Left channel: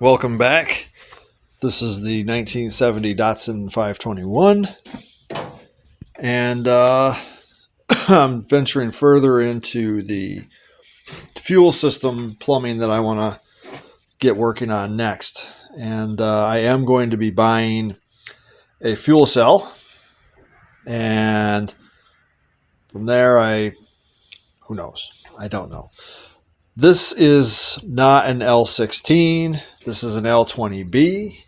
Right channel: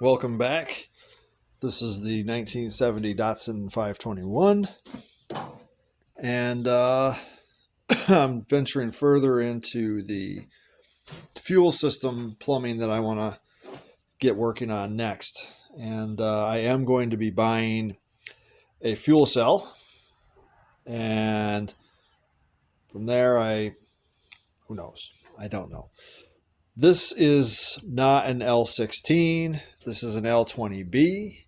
Welcome back. This is the 1970 Datsun 521, and I'm venturing further into the fuel system plumbing that I want to get working on next. And I am going to be buying a fuel cell, and from there, who knows? I don't know. This is not an L16. This is an L20b.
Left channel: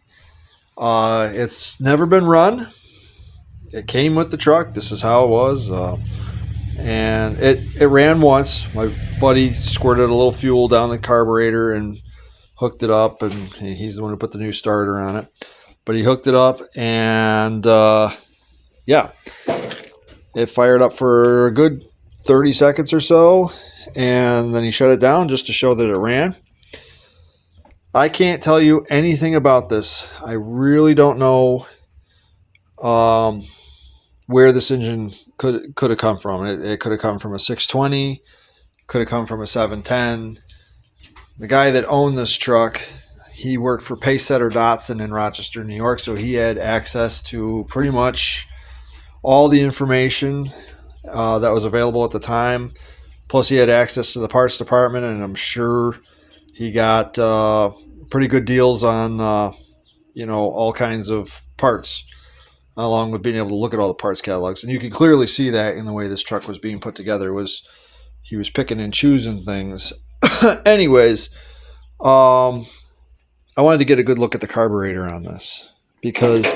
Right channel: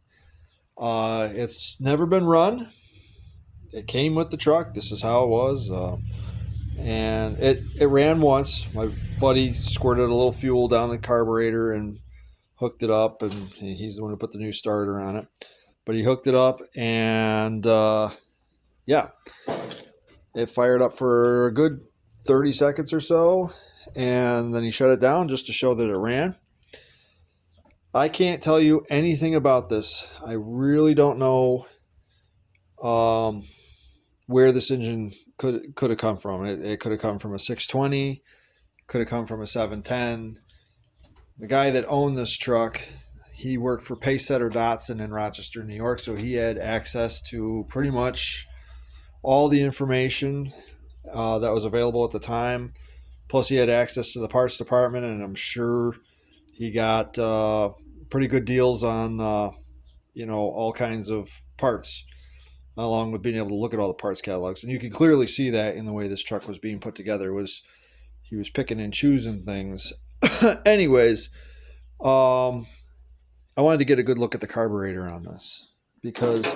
It's never been run. It came with the truck. This is how it was. And it ran once. My buddy squirted a little fuel down the carburetor and hooked it up. And he's the one who put the new starter on it. But he hooked it up and yeah, it fired up for a good 30 seconds or so. And then he shut it down just to show that it ran. I can't tell you anything about this. I really don't know where this engine could have come from. It could have come from a 620, could have come from a 710. The guy that owned this truck, he worked for Pacesetter Datsun in Rochester, New York, so he had access to pretty much all the information that was available at the time. Plus, he had access to the parts department, and I'm sure he got pretty good deals on all kinds of parts, along with being able to look at all the parts catalogs. And you can clearly see that in the way this truck was being put together. He was picking and choosing things. Anyways, I wanted to get a good look at the carburetor on this, because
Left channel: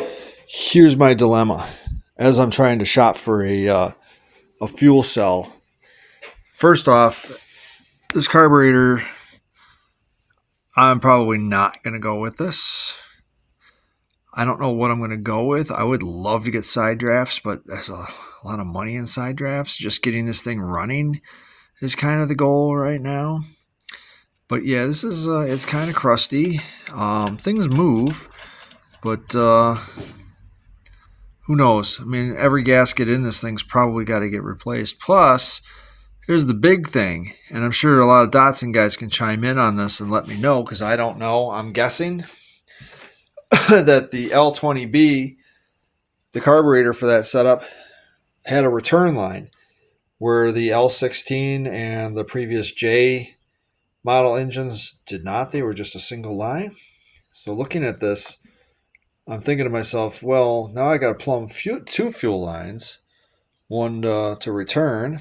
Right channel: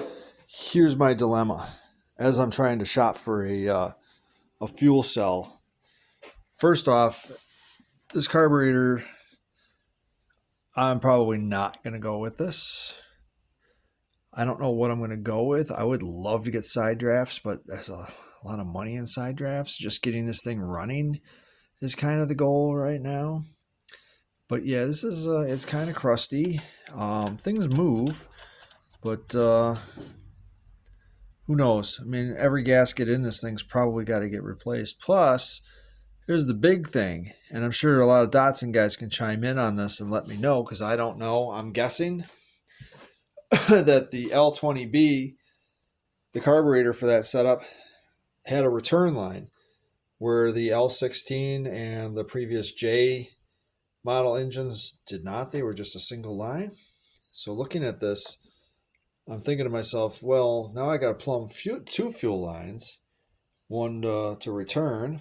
here's my dilemma as I'm trying to shop for a fuel cell. First off, this carburetor, I'm probably not going to go with this. I don't know what I'm going to go with. I would love to get side drafts, but there's a lot of money in side drafts. Just getting this thing running is kind of the goal right now. But yeah, this is it's kind of crusty. Things move, but who knows? I mean, every gasket in this thing's probably got to get replaced. Plus, here's the big thing, and I'm sure a lot of Datsun guys can chime in on this and let me know, because I don't know. I'm guessing that the L20b, the carburetor for that setup, had a return line, where the L16 and the previous J model engines did not. They were just a single line. So looking at this, I'm thinking to myself, well, now I got to plumb two fuel lines, one to return,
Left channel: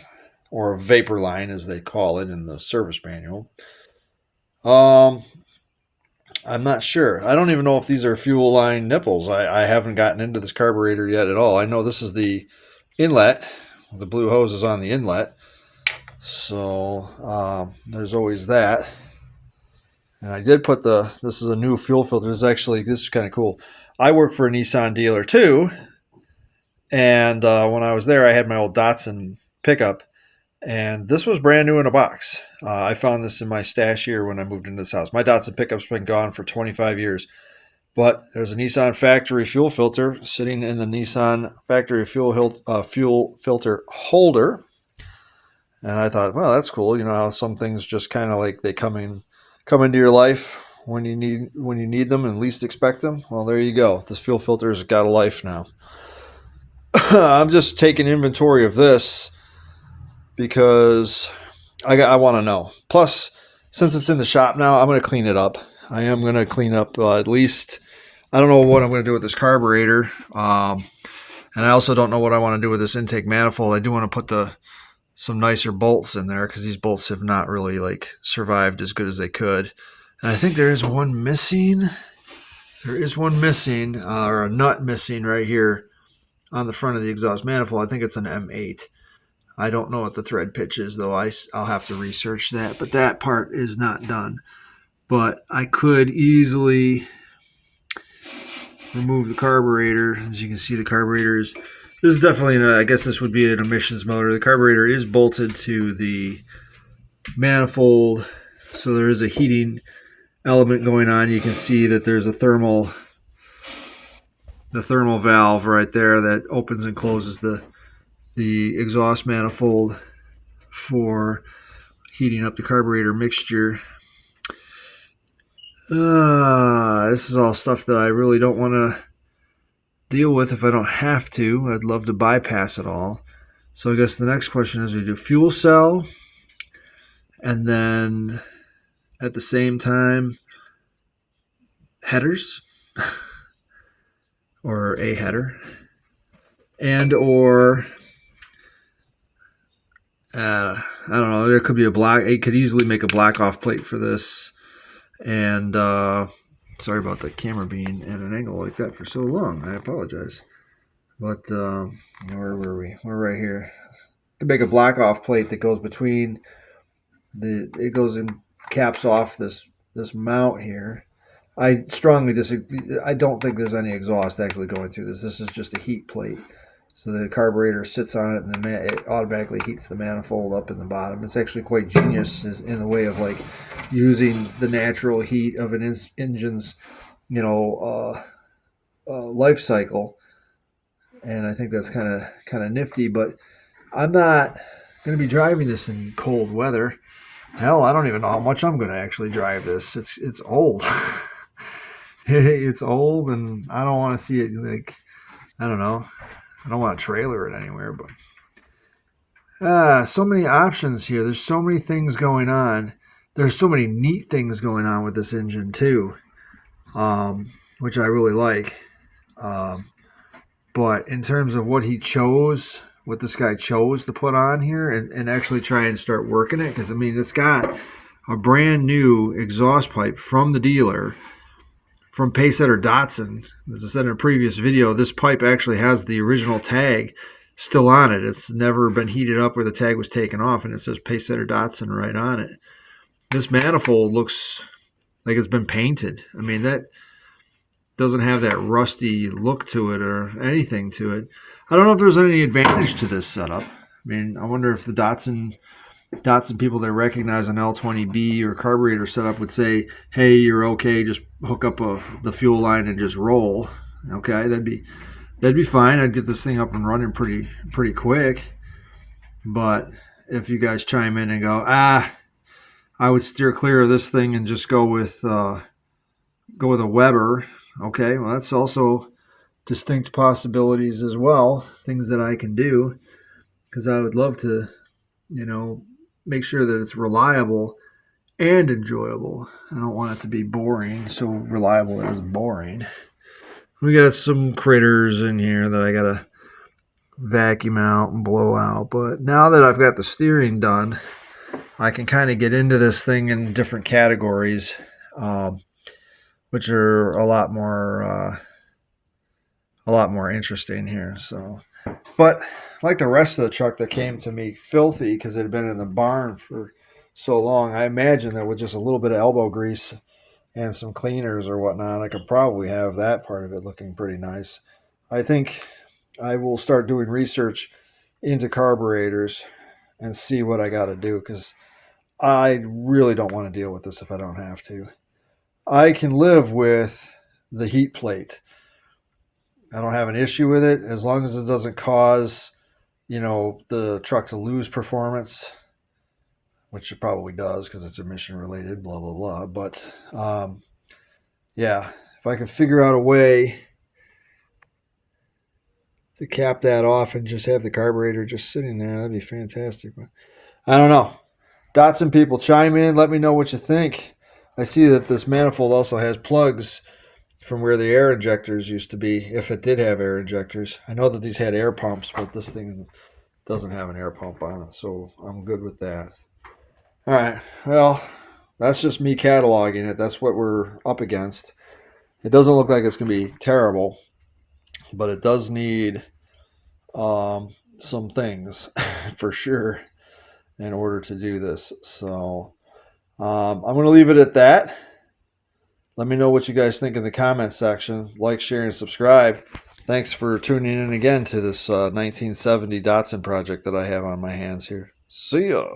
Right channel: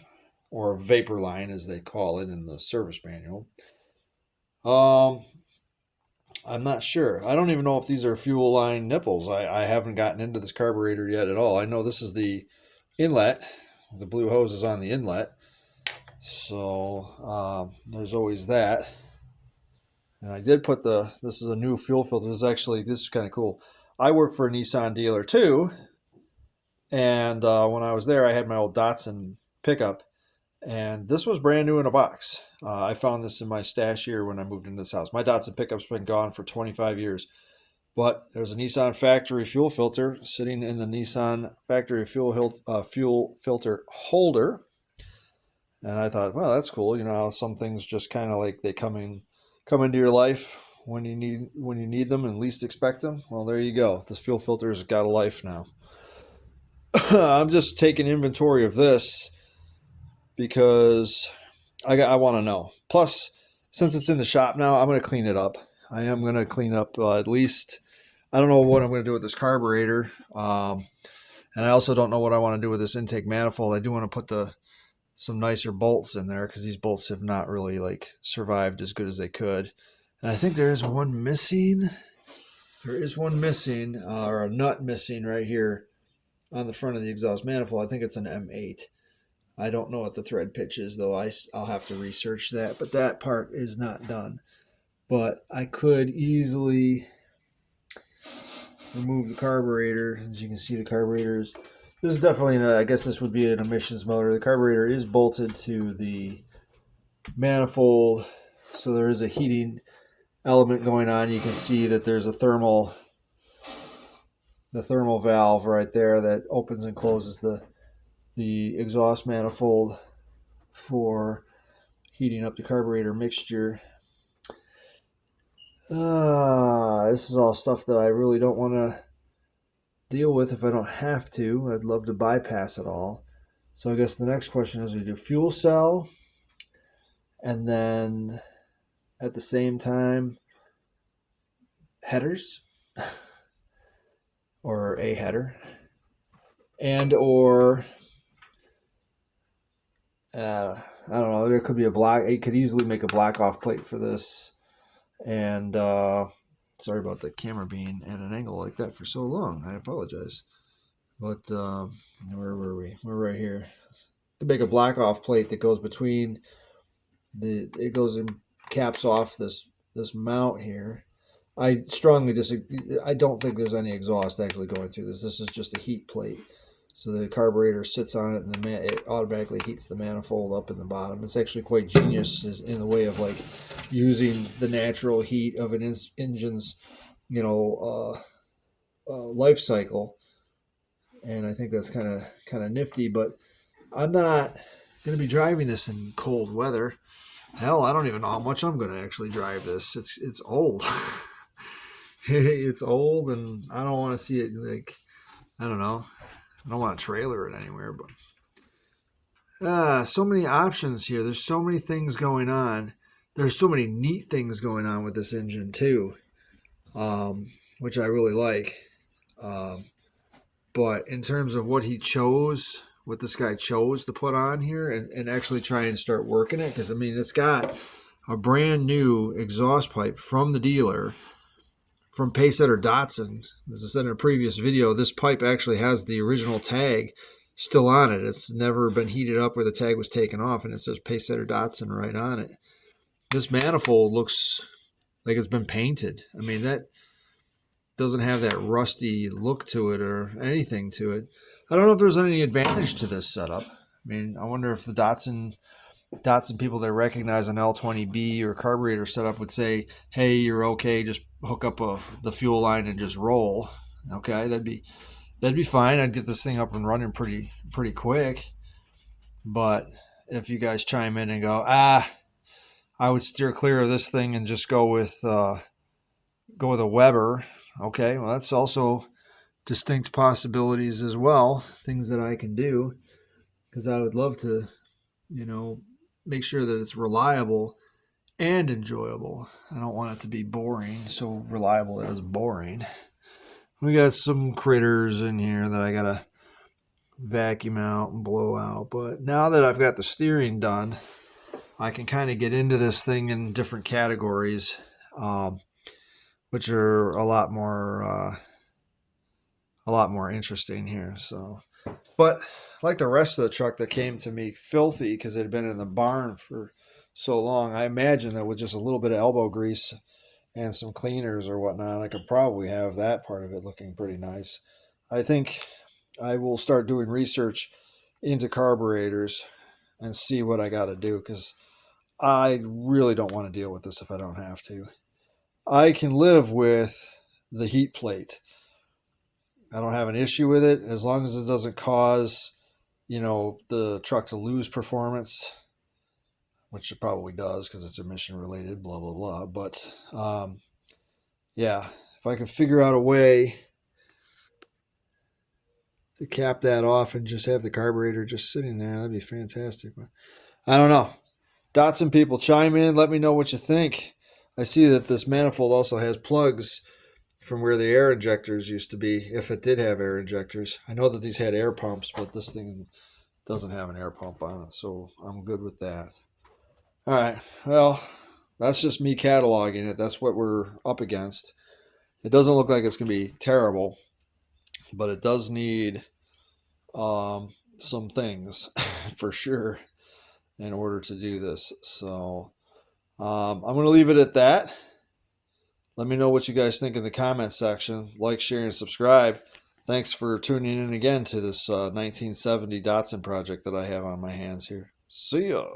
or vapor line as they call it in the service manual. I'm not sure. I don't even know if these are fuel line nipples. I haven't gotten into this carburetor yet at all. I know this is the inlet. The blue hose is on the inlet. So there's always that. And I did put this is a new fuel filter. This is kind of cool. I work for a Nissan dealer too. And when I was there, I had my old Datsun pickup. And this was brand new in a box. I found this in my stash here when I moved into this house. My Datsun pickup's been gone for 25 years. But there's a Nissan factory fuel filter sitting in the Nissan factory fuel filter holder. And I thought, well, that's cool. You know how some things just kind of like they come into your life when you need them and least expect them. Well, there you go. This fuel filter's got a life now. I'm just taking inventory of this because I want to know. Plus, since it's in the shop now, I'm going to clean it up. I am going to clean up at least. I don't know what I'm going to do with this carburetor, and I also don't know what I want to do with this intake manifold. I do want to put some nicer bolts in there, because these bolts have not really survived as good as they could. And I think there is one missing. There is one missing, or a nut missing right here on the front of the exhaust manifold. I think it's an M8. I don't know what the thread pitch is, though. I'll have to research that. But that part is not done. But I could easily remove the carburetor. As you can see, the carburetor is... This is definitely, I guess this would be an emissions motor. The carburetor is bolted to the manifold, so there is a heating element going on. You can see that there's the thermal valve right there that opens and closes the exhaust manifold for heating up the carburetor mixture. this is all stuff that I really don't want to deal with if I don't have to. I'd love to bypass it all. So I guess the next question is, we do fuel cell, and then at the same time, headers, or a header, and or I don't know, there could be a black, it could easily make a black off plate for this. And sorry about the camera being at an angle like that for so long. I apologize. But where were we? We're right here. Could make a black off plate that goes between it goes and caps off this mount here. I strongly disagree. I don't think there's any exhaust actually going through this. This is just a heat plate. So the carburetor sits on it, and it automatically heats the manifold up in the bottom. It's actually quite genius in the way of like using the natural heat of an engine's, life cycle. And I think that's kind of nifty. But I'm not going to be driving this in cold weather. Hell, I don't even know how much I'm going to actually drive this. It's old. It's old, and I don't want to see it like, I don't know. I don't want to trailer it anywhere, but so many options here. There's so many things going on. There's so many neat things going on with this engine too, which I really like. But in terms of what this guy chose to put on here and actually try and start working it, because I mean, it's got a brand new exhaust pipe from the dealer, from Pacesetter Datsun. As I said in a previous video, this pipe actually has the original tag still on it. It's never been heated up where the tag was taken off, and it says Pacesetter Datsun right on it. This manifold looks like it's been painted. I mean, that doesn't have that rusty look to it or anything to it. I don't know if there's any advantage to this setup. I mean, I wonder if the Datsun people that recognize an L20b or carburetor setup would say, hey, you're okay, just hook up the fuel line and just roll. Okay, that'd be fine. I'd get this thing up and running pretty quick. But if you guys chime in and go, I would steer clear of this thing and just go with a Weber. Okay, well, that's also distinct possibilities as well, things that I can do, because I would love to, make sure that it's reliable and enjoyable. I don't want it to be boring, so reliable it is boring. We got some critters in here that I gotta vacuum out and blow out, but now that I've got the steering done, I can kind of get into this thing in different categories, which are a lot more interesting here. So, but like the rest of the truck that came to me filthy because it had been in the barn for so long, I imagine that with just a little bit of elbow grease and some cleaners or whatnot, I could probably have that part of it looking pretty nice. I think I will start doing research into carburetors and see what I got to do, because I really don't want to deal with this if I don't have to. I can live with the heat plate. I don't have an issue with it as long as it doesn't cause, the truck to lose performance, which it probably does because it's emission related, blah, blah, blah. But yeah, if I can figure out a way to cap that off and just have the carburetor just sitting there, that'd be fantastic. But I don't know. Datsun people, chime in. Let me know what you think. I see that this manifold also has plugs from where the air injectors used to be, if it did have air injectors. I know that these had air pumps, but this thing doesn't have an air pump on it, so I'm good with that. All right, well, that's just me cataloging it. That's what we're up against. It doesn't look like it's going to be terrible, but it does need some things for sure in order to do this. So I'm going to leave it at that. Let me know what you guys think in the comments section. Like, share, and subscribe. Thanks for tuning in again to this 1970 Datsun project that I have on my hands here. See ya.